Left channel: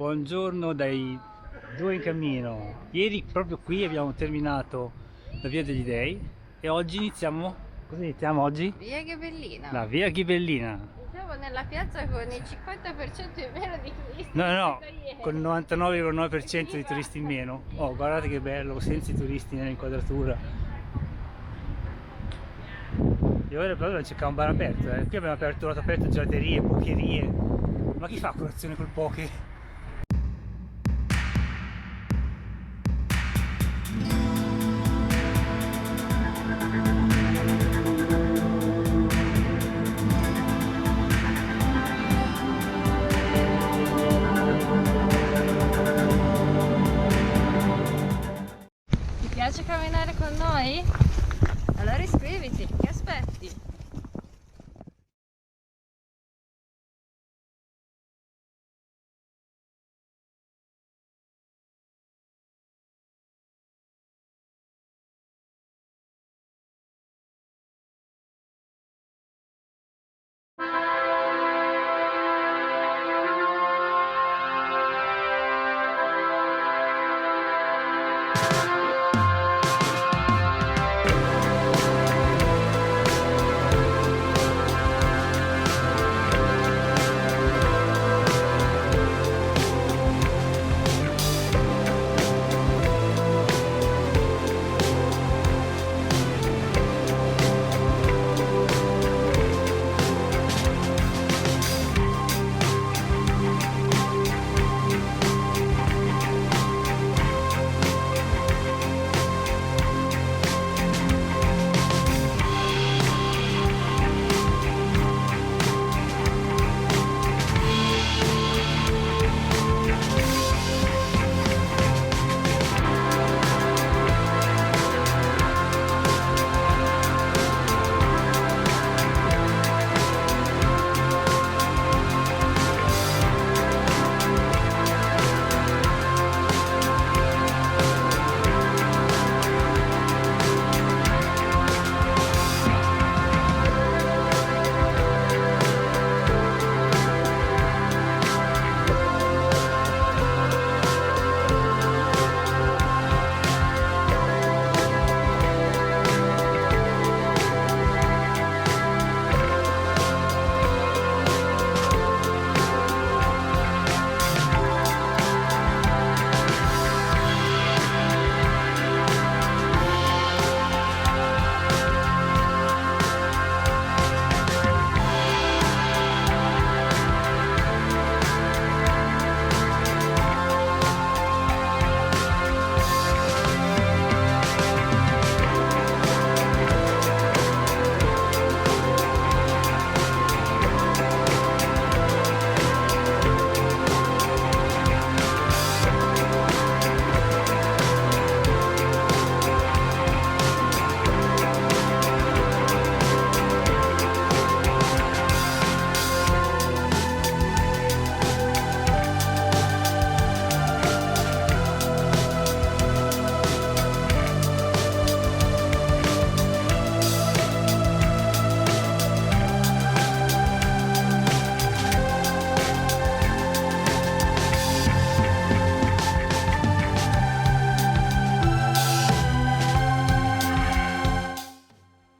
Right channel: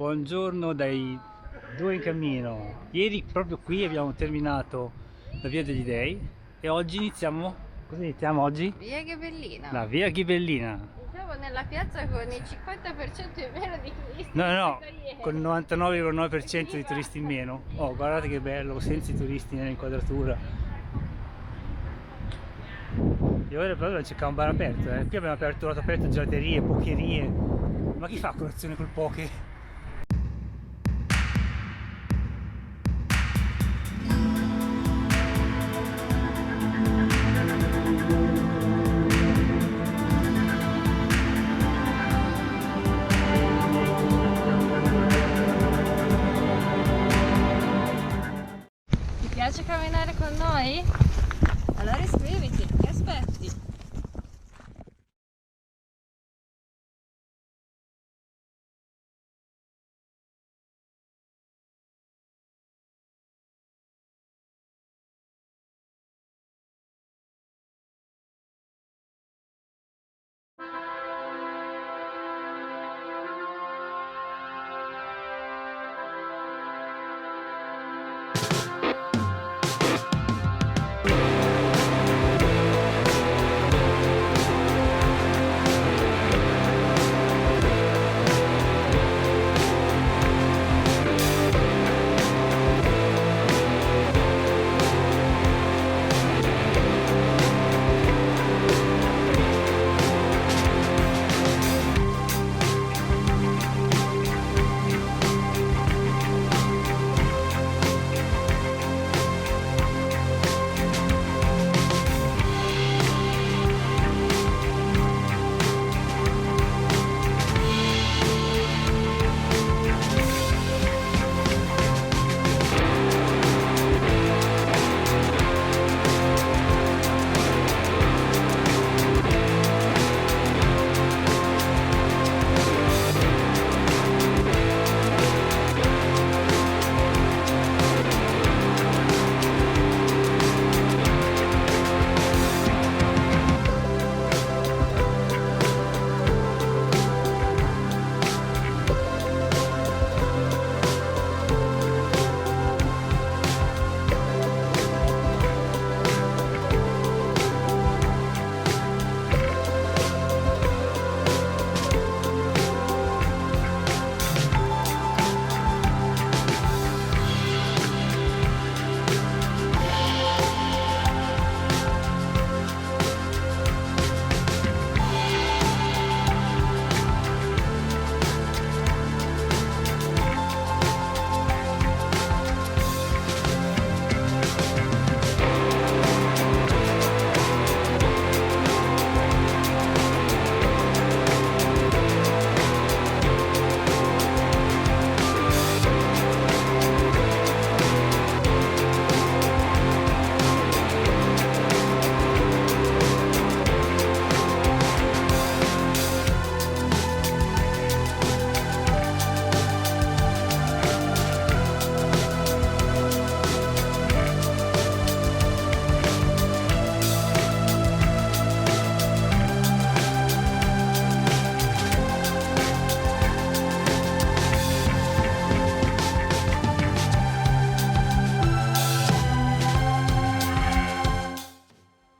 Buongiorno dai due in cammino. Ieri proprio qui abbiamo terminato la Via degli Dei e oggi iniziamo. Cosa iniziamo oggi? Via Ghibellina. La Via Ghibellina. Siamo nella piazza con il 50% in meno di turisti. No, ieri. con il 99,9% di turisti in meno. Oh, guardate che bello, senza i turisti nell'inquadratura. E ora però non cercare un bar aperto, Qui abbiamo trovato aperto gelaterie, pokerie. Ma chi fa colazione col poke? Ti piace camminare con noi? Allora iscriviti, che aspetti?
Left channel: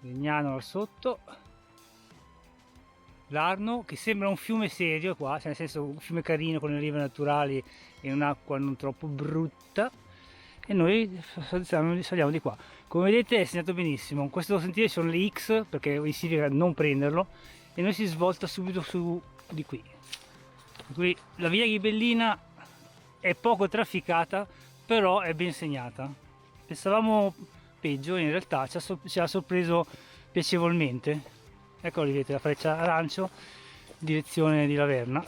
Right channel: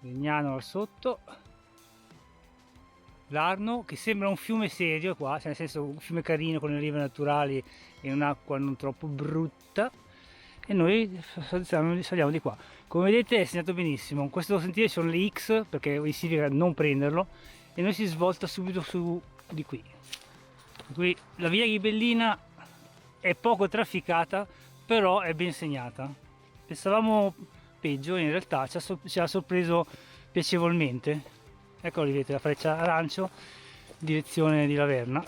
Legnano là sotto, l'Arno che sembra un fiume serio qua, cioè nel senso un fiume carino con le rive naturali e un'acqua non troppo brutta, e noi saliamo di qua. Come vedete è segnato benissimo, in questo sentiero ci sono le X perché significa non prenderlo e noi si svolta subito su di qui. Qui la via Ghibellina è poco trafficata, però è ben segnata. Pensavamo peggio, in realtà ci ha sorpreso piacevolmente. Ecco, lì vedete la freccia arancio, direzione di Laverna.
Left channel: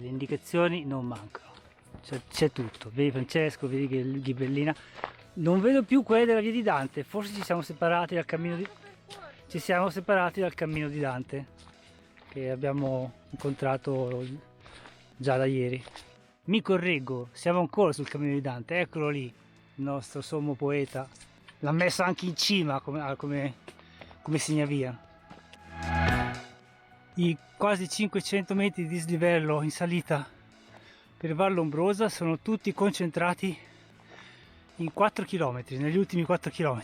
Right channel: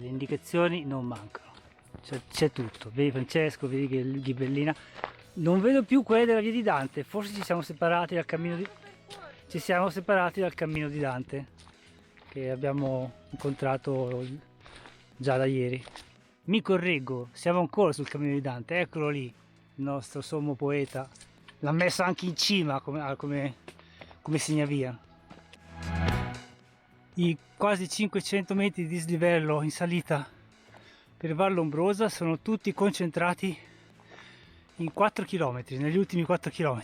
le indicazioni non mancano, c'è tutto. Vedi Francesco, vedi che ghibellina. Non vedo più quelle della via di Dante, forse ci siamo separati dal cammino di Dante, che abbiamo incontrato già da ieri. Mi correggo, siamo ancora sul cammino di Dante, eccolo lì, il nostro sommo poeta. L'ha messo anche in cima come segnavia. I quasi 500 metri di dislivello in salita per Val Lombrosa sono tutti concentrati in 4 km, negli ultimi 4 km.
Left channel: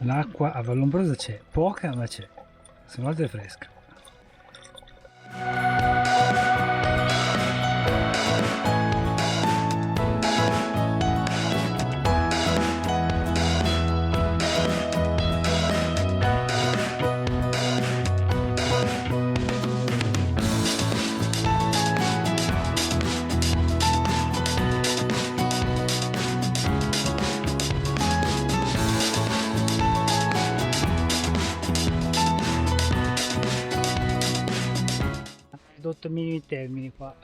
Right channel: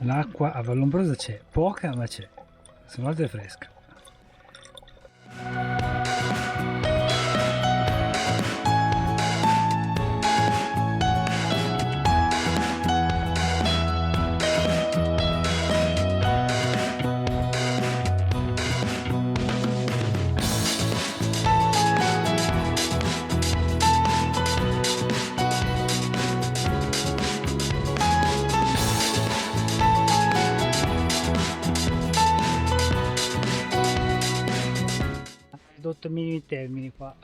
L'acqua a Vallombrosa c'è, poca ma c'è, se non altro è fresca. Ridotto ai minimi termini qua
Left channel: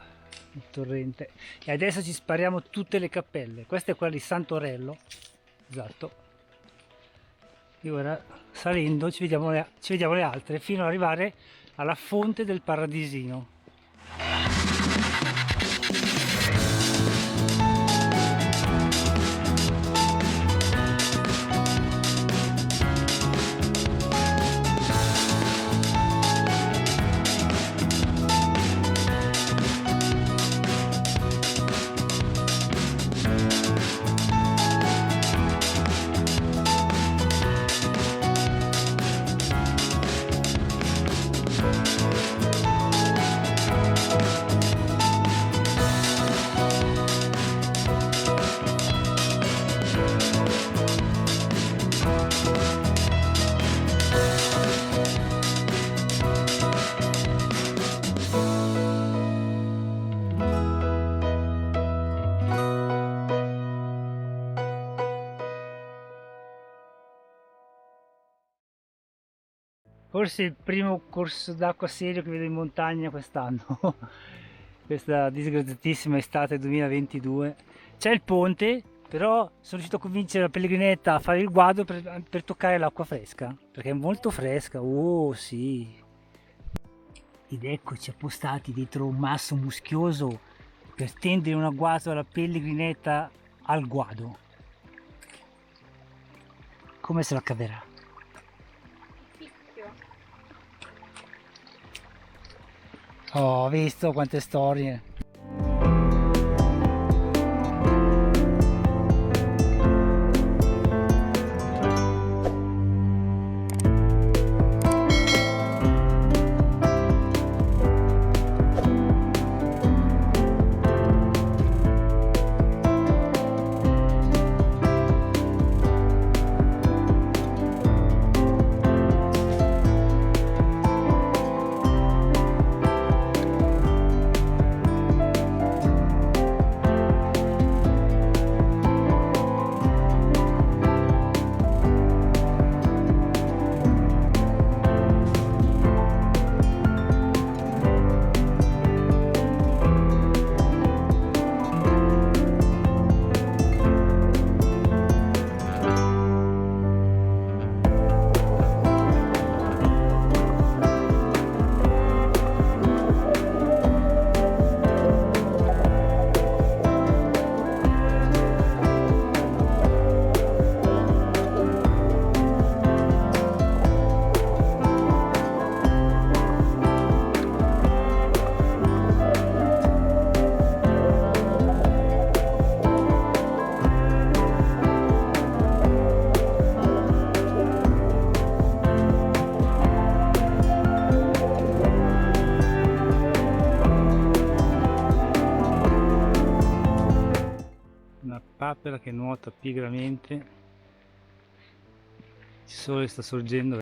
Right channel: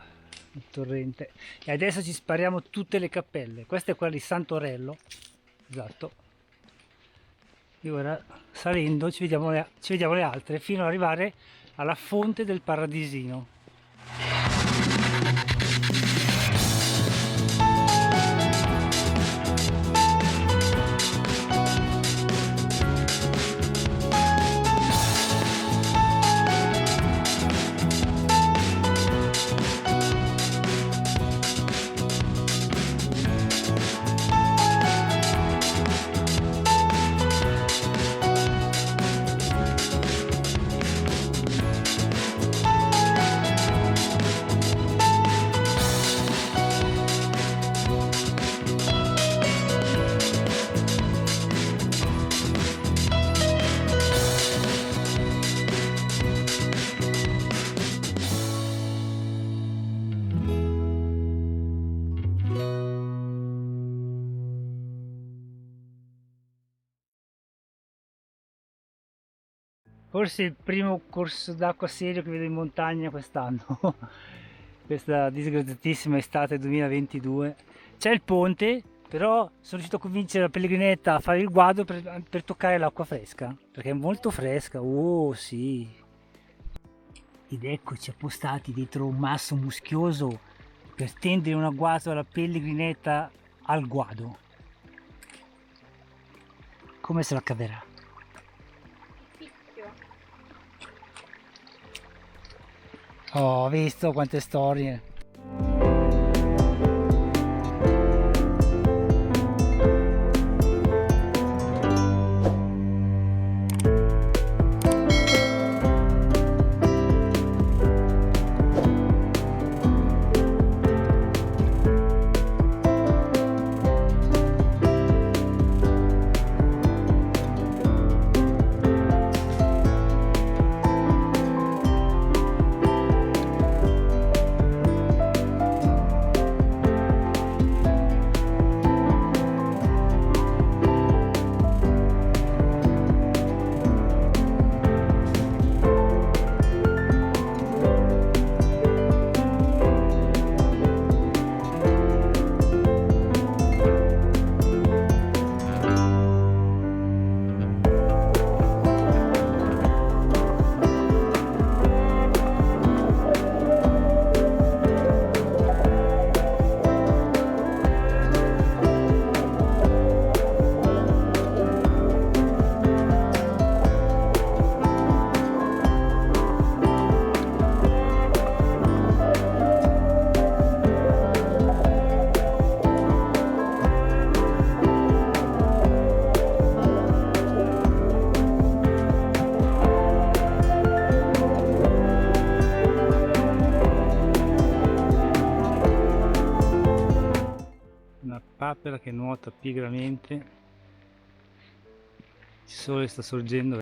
il torrente, e adesso ci spariamo tutte le cappelle. Questa è quella di Santorello, esatto, e ora salendo ci vediamo le altre fino ad arrivare alla fonte del Paradisino. Forse il primo corso d'acqua serio che vedo in montagna quest'anno, questa disgraziatissima estate 2022. C'è il ponte, però sono riuscito a convincere la pellegrinetta a fare il guado per toccare l'acqua fresca, perché è molto fresca, oh sì. Ed eccoci appostati dietro un masso muschioso per tendere un agguato alla pellegrinetta al guado. Come se la caverà? Oh, ho visto quante storie. quella che nuota pigramente, il sole sta sorgendo.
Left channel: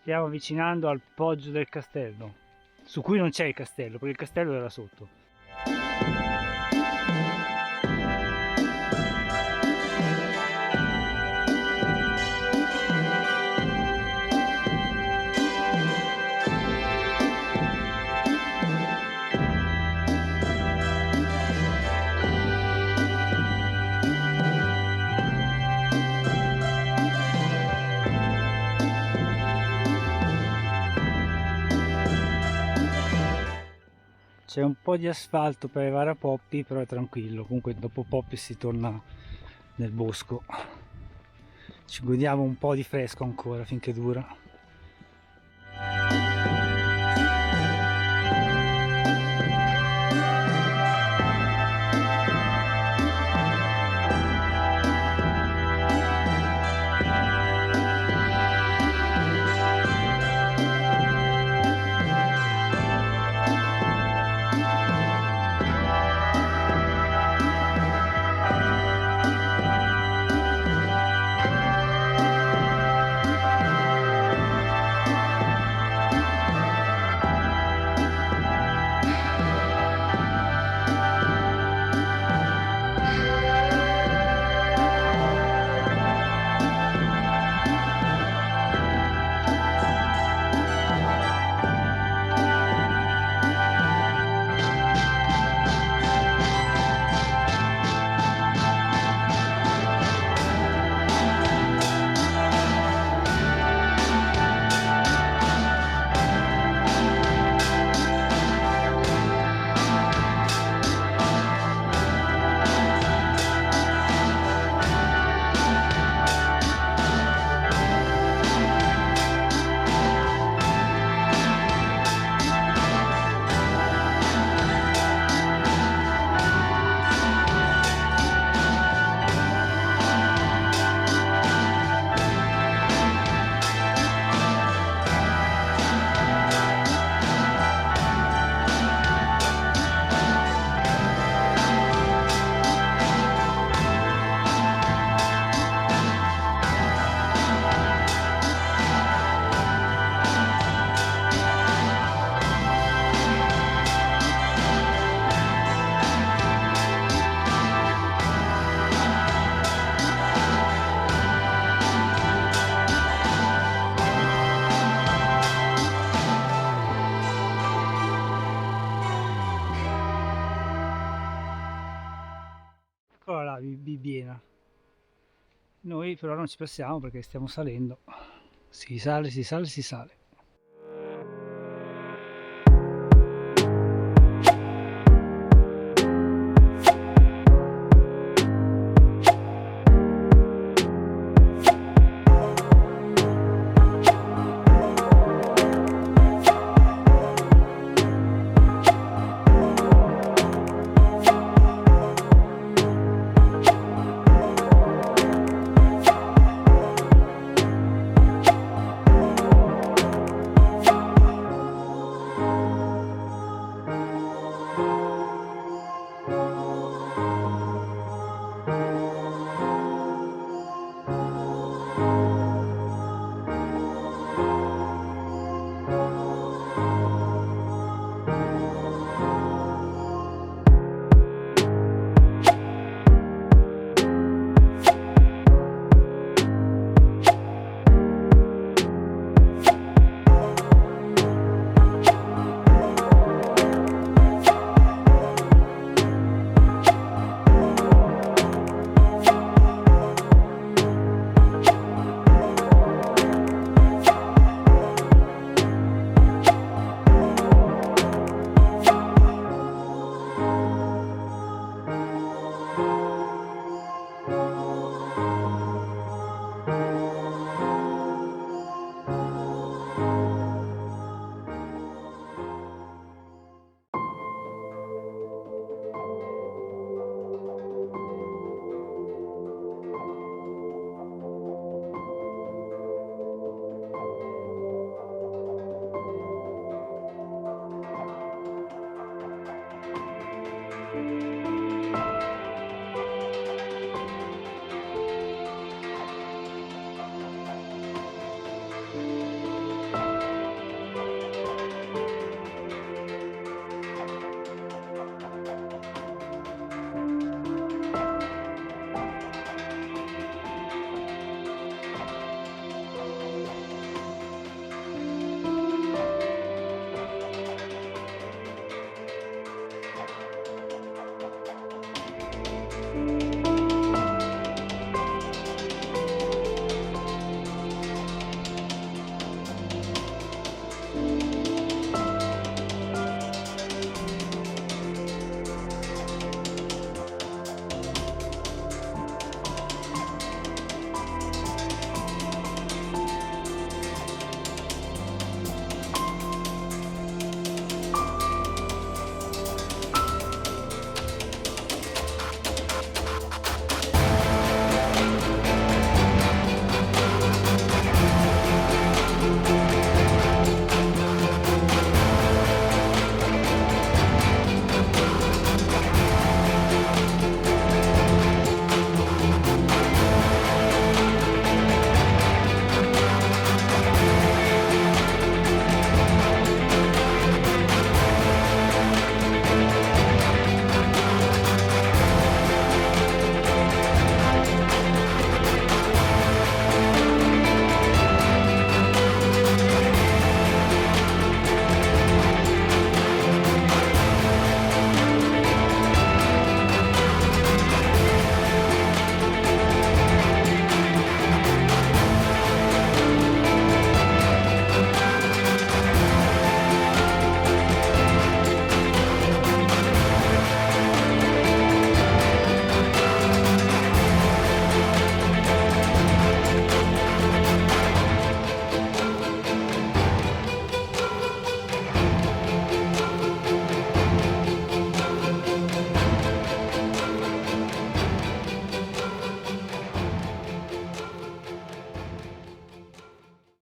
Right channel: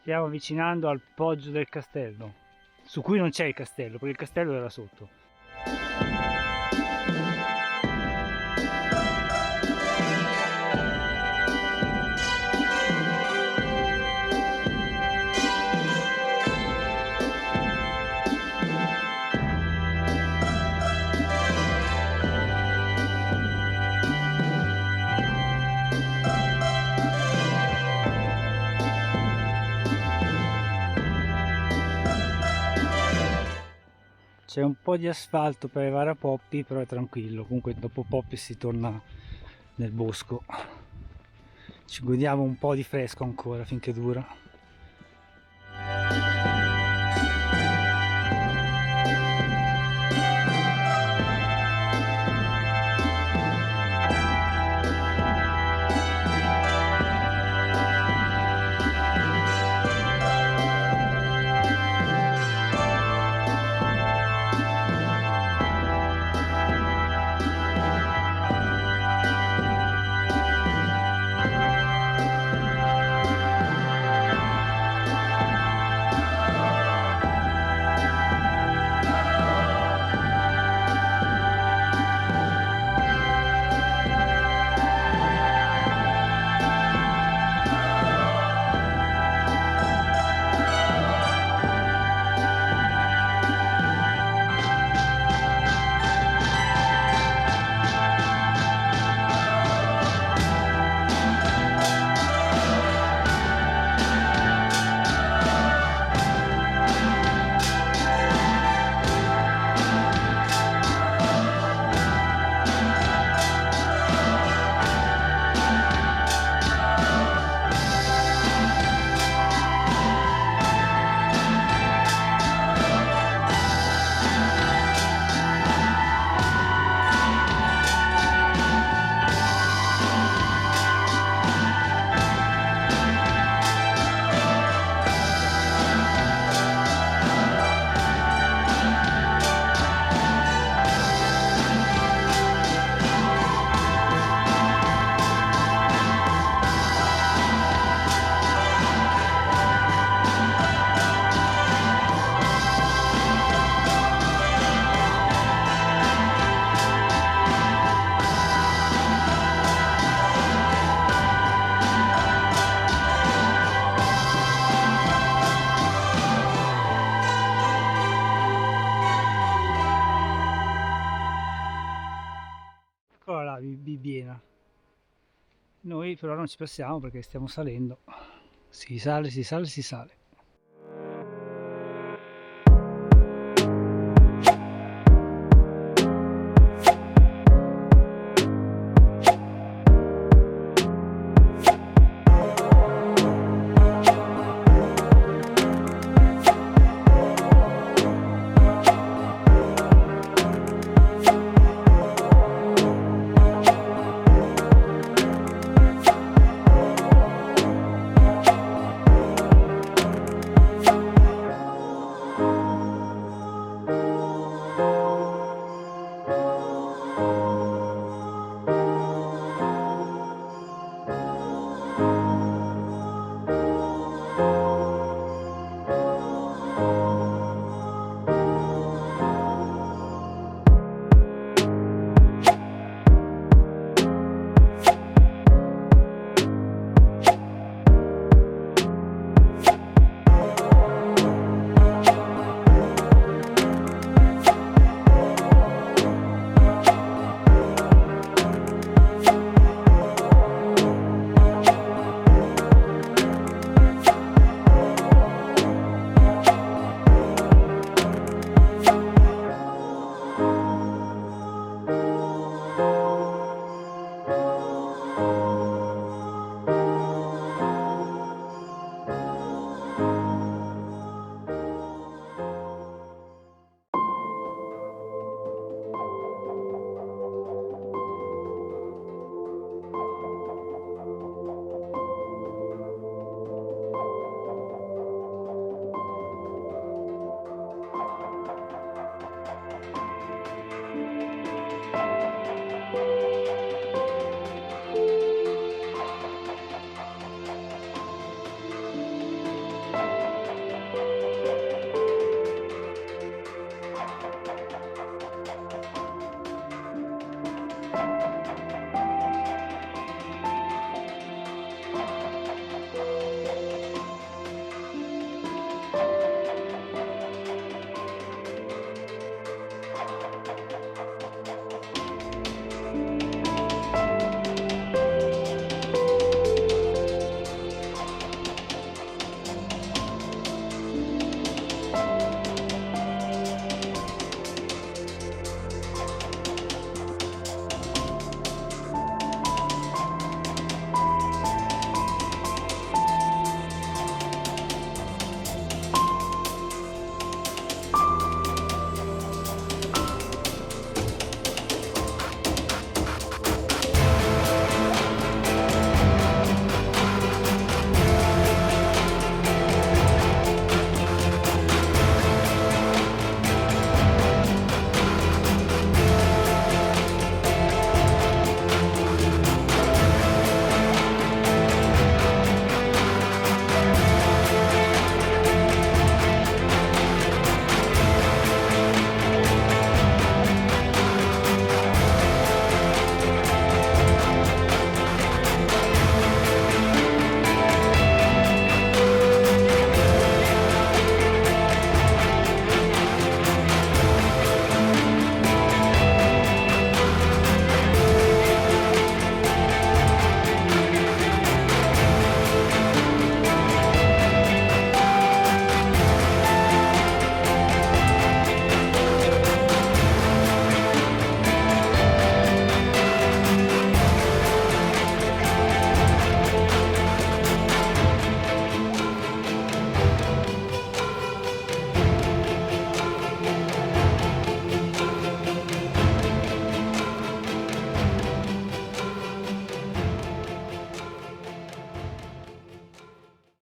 Stiamo avvicinando al poggio del castello, su cui non c'è il castello, perché il castello era sotto. C'è un po' di asfalto per arrivare a Poppi, però è tranquillo, comunque dopo Poppi si torna nel bosco. Ci godiamo un po' di fresco ancora finché dura. Eccola là, Bibbiena. Noi però non ci passiamo perché stiamo salendo. Si sale, si sale, si sale.